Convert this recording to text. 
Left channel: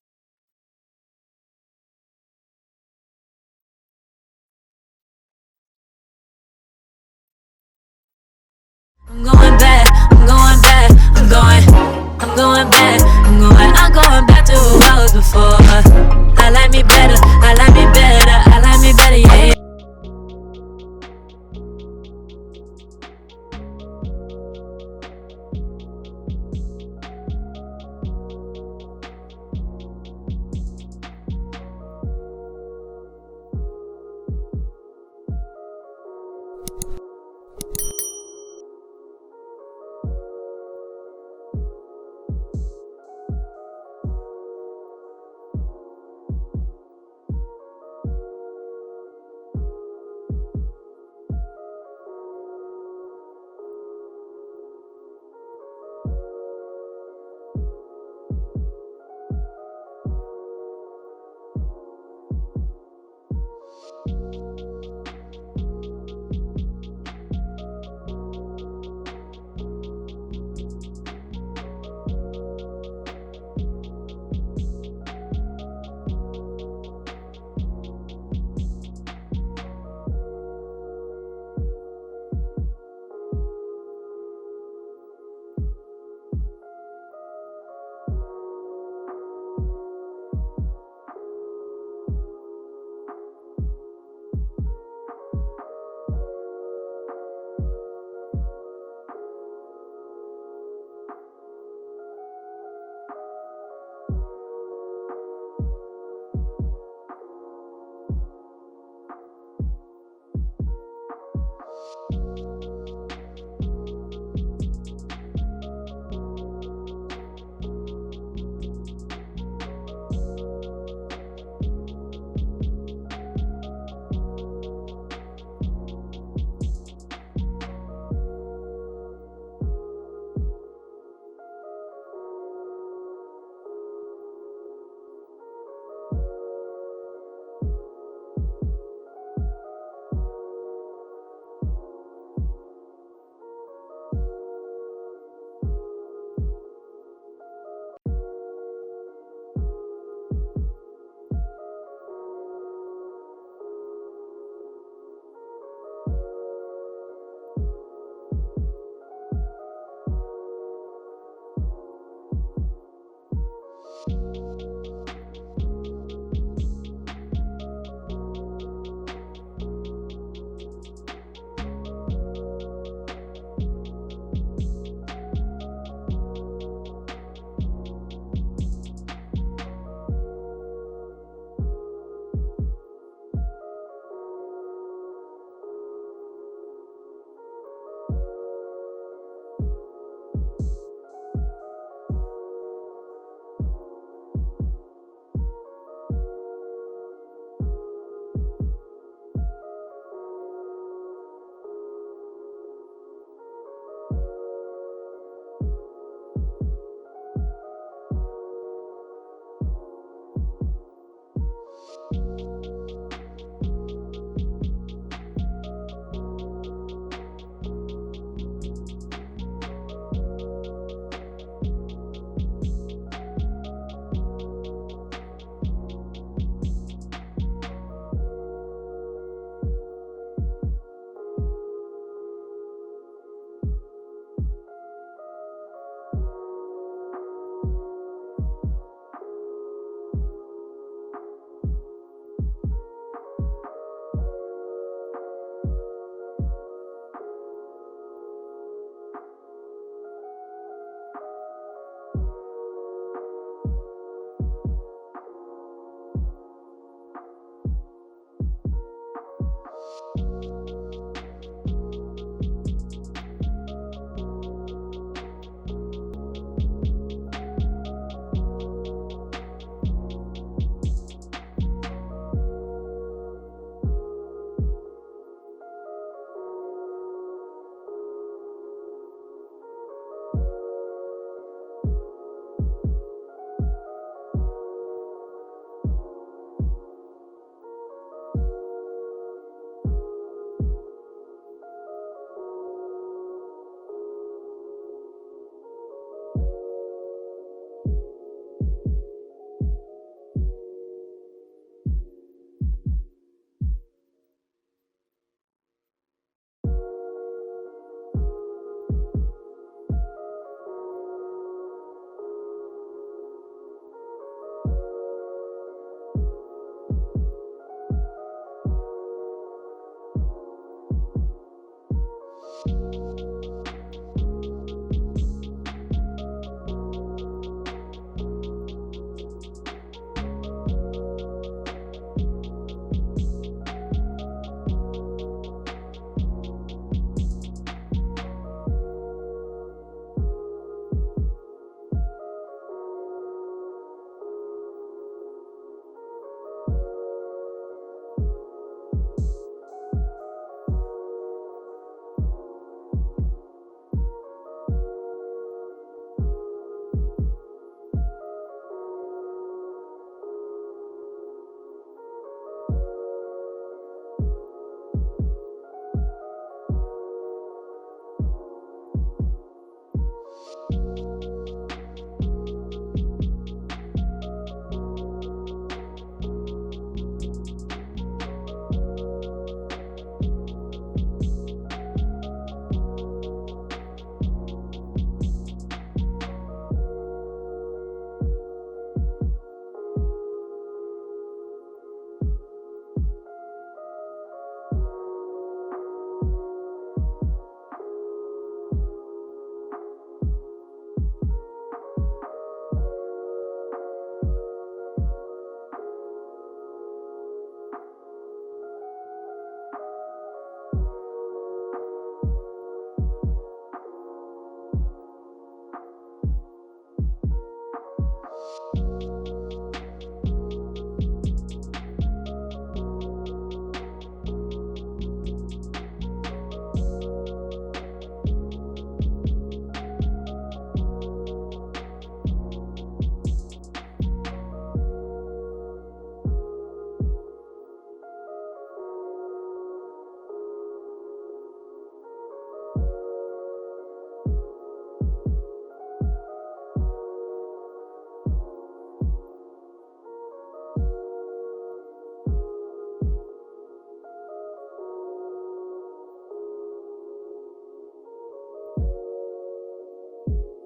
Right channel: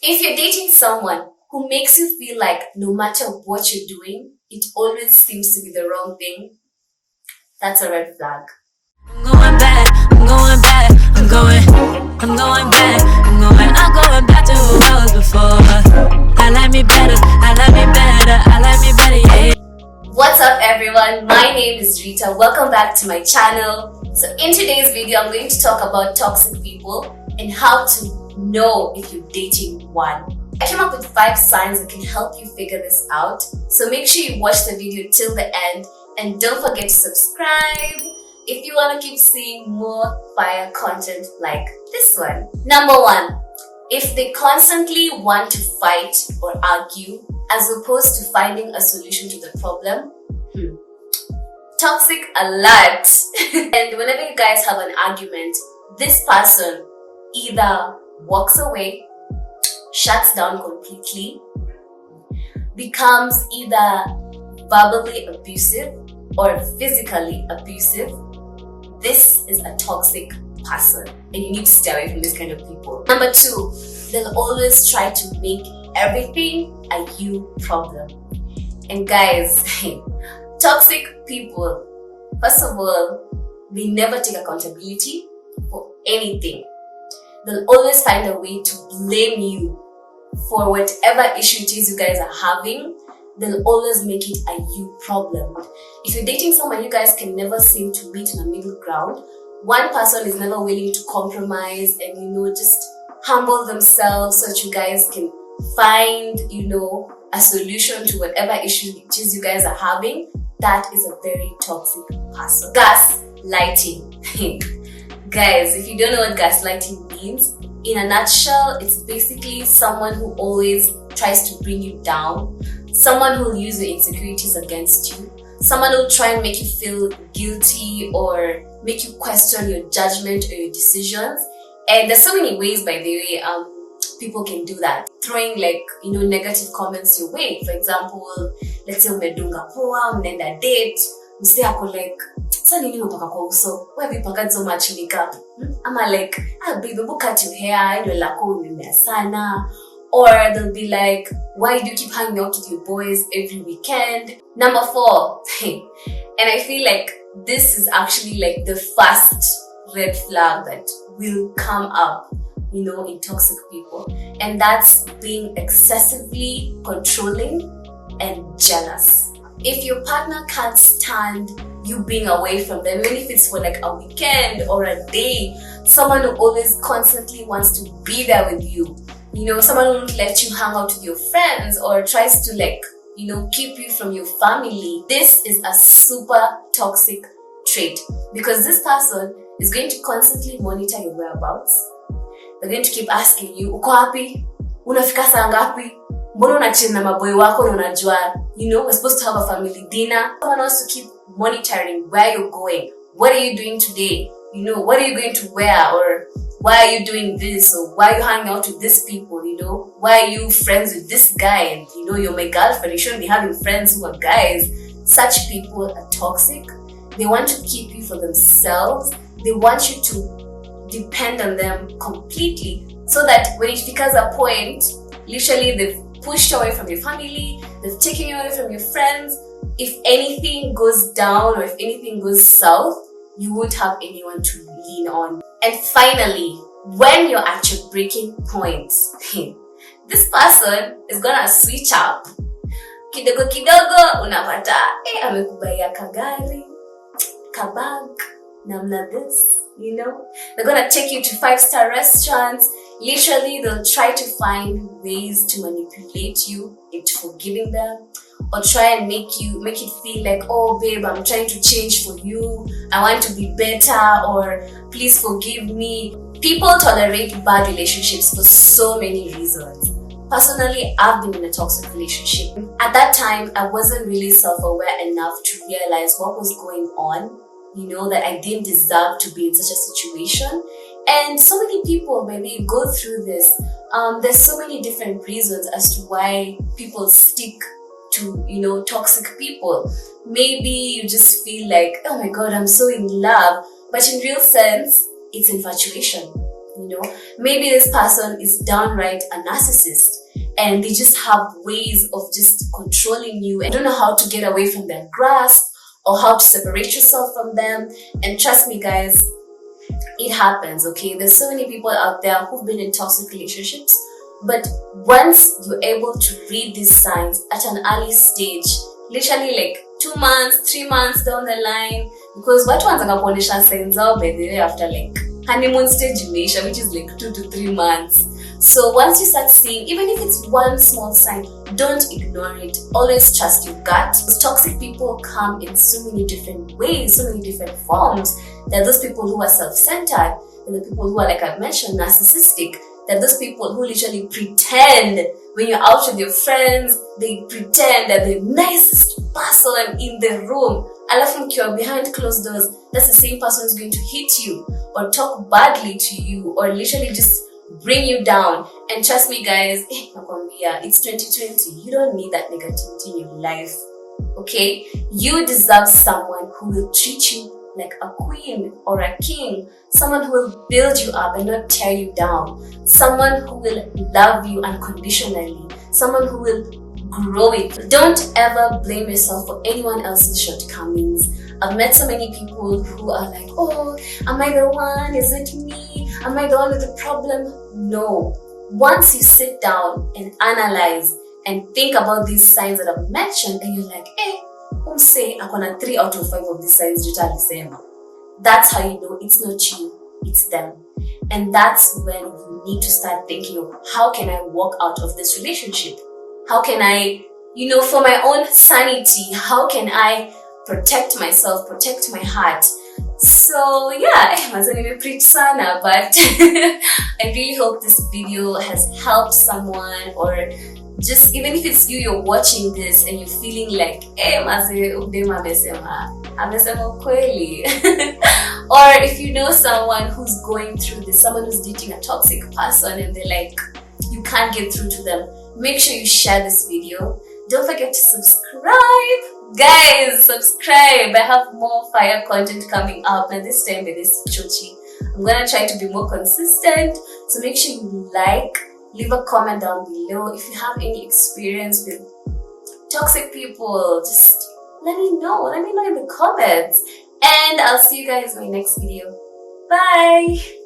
If you're dating someone who makes you feel like no matter what you're doing, it always seems to be the wrong thing, that's a red flag. I'm going back, I'm going back, I'm going back, I'm going back to who I was before. I like me better, I like me better, I like me better, yeah. What's up everyone, my name is Rita, welcome back to my channel. So in today's video, I'm going to talk about toxic people and how to know if you're dating one. I came up with 5 signs that can help you figure this out. So make sure you watch the video till the end and don't forget to subscribe if you want to keep seeing more fire content like this one. Number 1, if they constantly want to fight or argue as opposed to finding a solution to the problem, toxic alert. And whenever you guys have an argument, this person either walks away, shuts down completely, becomes either verbally abusive or physically abusive. This is a toxic person and you need to stay away from this kind of people. Number 2, they'll always try to make everything a you problem. And guys, toxic people, first of all, they never take accountability for anything. They'll always find a way to blame you for whatever issue it is you guys are having. They'll always make it a you problem. If you're dating someone, you guys can never seem to meet in a middle ground. One person is never willing to compromise and just humble themselves so that you guys can find a solution to whatever issue it is you guys are having. That is a very toxic person. Gaslighting. Guys, if you don't know what gaslighting means, in a nutshell, it's basically someone who always tries to bring you down, someone who'll use your insecurities against you, someone who'll try and make you feel guilty or make you question your judgment or your decisions. And there's so many ways, by the way, people can do that. Throwing negative comments your way. For example, let's say umedunga poa, mnaenda date, msee ako like, sasa nini unapaka kwa uso? Wewe vipaka so much makeup. Ama like, baby, look at your hair, ndio lako umemea sana. Or they'll be like, why do you keep hanging out with your boys every weekend? Number 4, and I feel like this is actually like the first red flag that will come up, in toxic people. And that's being excessively controlling and jealous. If your partner can't stand you being away from them, even if it's for like a weekend or a day, someone who always constantly wants to be there with you, someone who won't let you hang out with your friends or tries to keep you from your family, this is a super toxic trait because this person is going to constantly monitor your whereabouts. They're going to keep asking you, uko wapi? Unafika saa ngapi? Mbona unachill na maboy wako na unajua, we're supposed to have a family dinner. Someone wants to keep monitoring where you're going. What are you doing today? What are you going to wear? Or why are you doing this? Or why are you hanging out with these people? Why are you friends with this guy? And you're my girlfriend. You shouldn't be having friends who are guys. Such people are toxic. They want to keep you for themselves. They want you to depend on them completely so that when it becomes a point, literally they've pushed away from your family, they've taken you away from your friends. If anything goes down or if anything goes south, you won't have anyone to lean on. And finally, when you're at your breaking point, this person is gonna switch up. Kidogo kidogo unapata amekubaia kagari, kabag, namna this, They're gonna take you to 5-star restaurants. Literally, they'll try to find ways to manipulate you into forgiving them, or try and make it feel like, oh babe, I'm trying to change for you, I want to be better, or please forgive me. People tolerate bad relationships for so many reasons. Personally, I've been in a toxic relationship. At that time, I wasn't really self-aware enough to realize what was going on, that I didn't deserve to be in such a situation. And so many people, maybe, go through this. There's so many different reasons as to why people stick to, toxic people. Maybe you just feel like, oh my God, I'm so in love. But in real sense, it's infatuation. Maybe this person is downright a narcissist and they just have ways of just controlling you and don't know how to get away from their grasp or how to separate yourself from them. And trust me guys, it happens, okay? There's so many people out there who've been in toxic relationships, but once you're able to read these signs at an early stage, literally like 2 months, 3 months down the line, because what ones are kuonesha signs out by the way after like honeymoon stage imeisha, which is like 2 to 3 months. So once you start seeing, even if it's one small sign, don't ignore it. Always trust your gut. Toxic people come in so many different ways, so many different forms. There are those people who are self-centered. There are the people who are, like I mentioned, narcissistic. There are those people who literally pretend when you're out with your friends, they pretend that they're the nicest person in the room. Alafu mkiwa behind closed doors, that's the same person who's going to hit you or talk badly to you or literally just bring you down. And trust me guys, it's 2020. You don't need that negativity in your life. Okay? You deserve someone who will treat you like a queen or a king. Someone who will build you up and not tear you down. Someone who will love you unconditionally. Someone who will grow it. Don't ever blame yourself for anyone else's shortcomings. I've met so many people who are like, oh, am I the one? Is it me? Am I the one with the problem? No. Once you sit down and analyze and think about these signs that I've mentioned, and you're like, say I'm gonna 3 out of 5 of these signs Rita alisema. That's how you know it's not you, it's them. And that's when you need to start thinking of how can I walk out of this relationship? How can I, for my own sanity, how can I protect myself, protect my heart? So yeah, I preach sana, but I really hope this video has helped someone, or just even if it's you're watching this and you're feeling like, or if you know someone who's going through this, someone who's dating a toxic person and they're like, you can't get through to them, make sure you share this video. Don't forget to subscribe. Guys, subscribe. I have more fire content coming up, and this time with this chochi, I'm gonna try to be more consistent. So make sure you leave a comment down below. If you have any experience with toxic people, just let me know. Let me know in the comments. And I'll see you guys in my next video. Bye.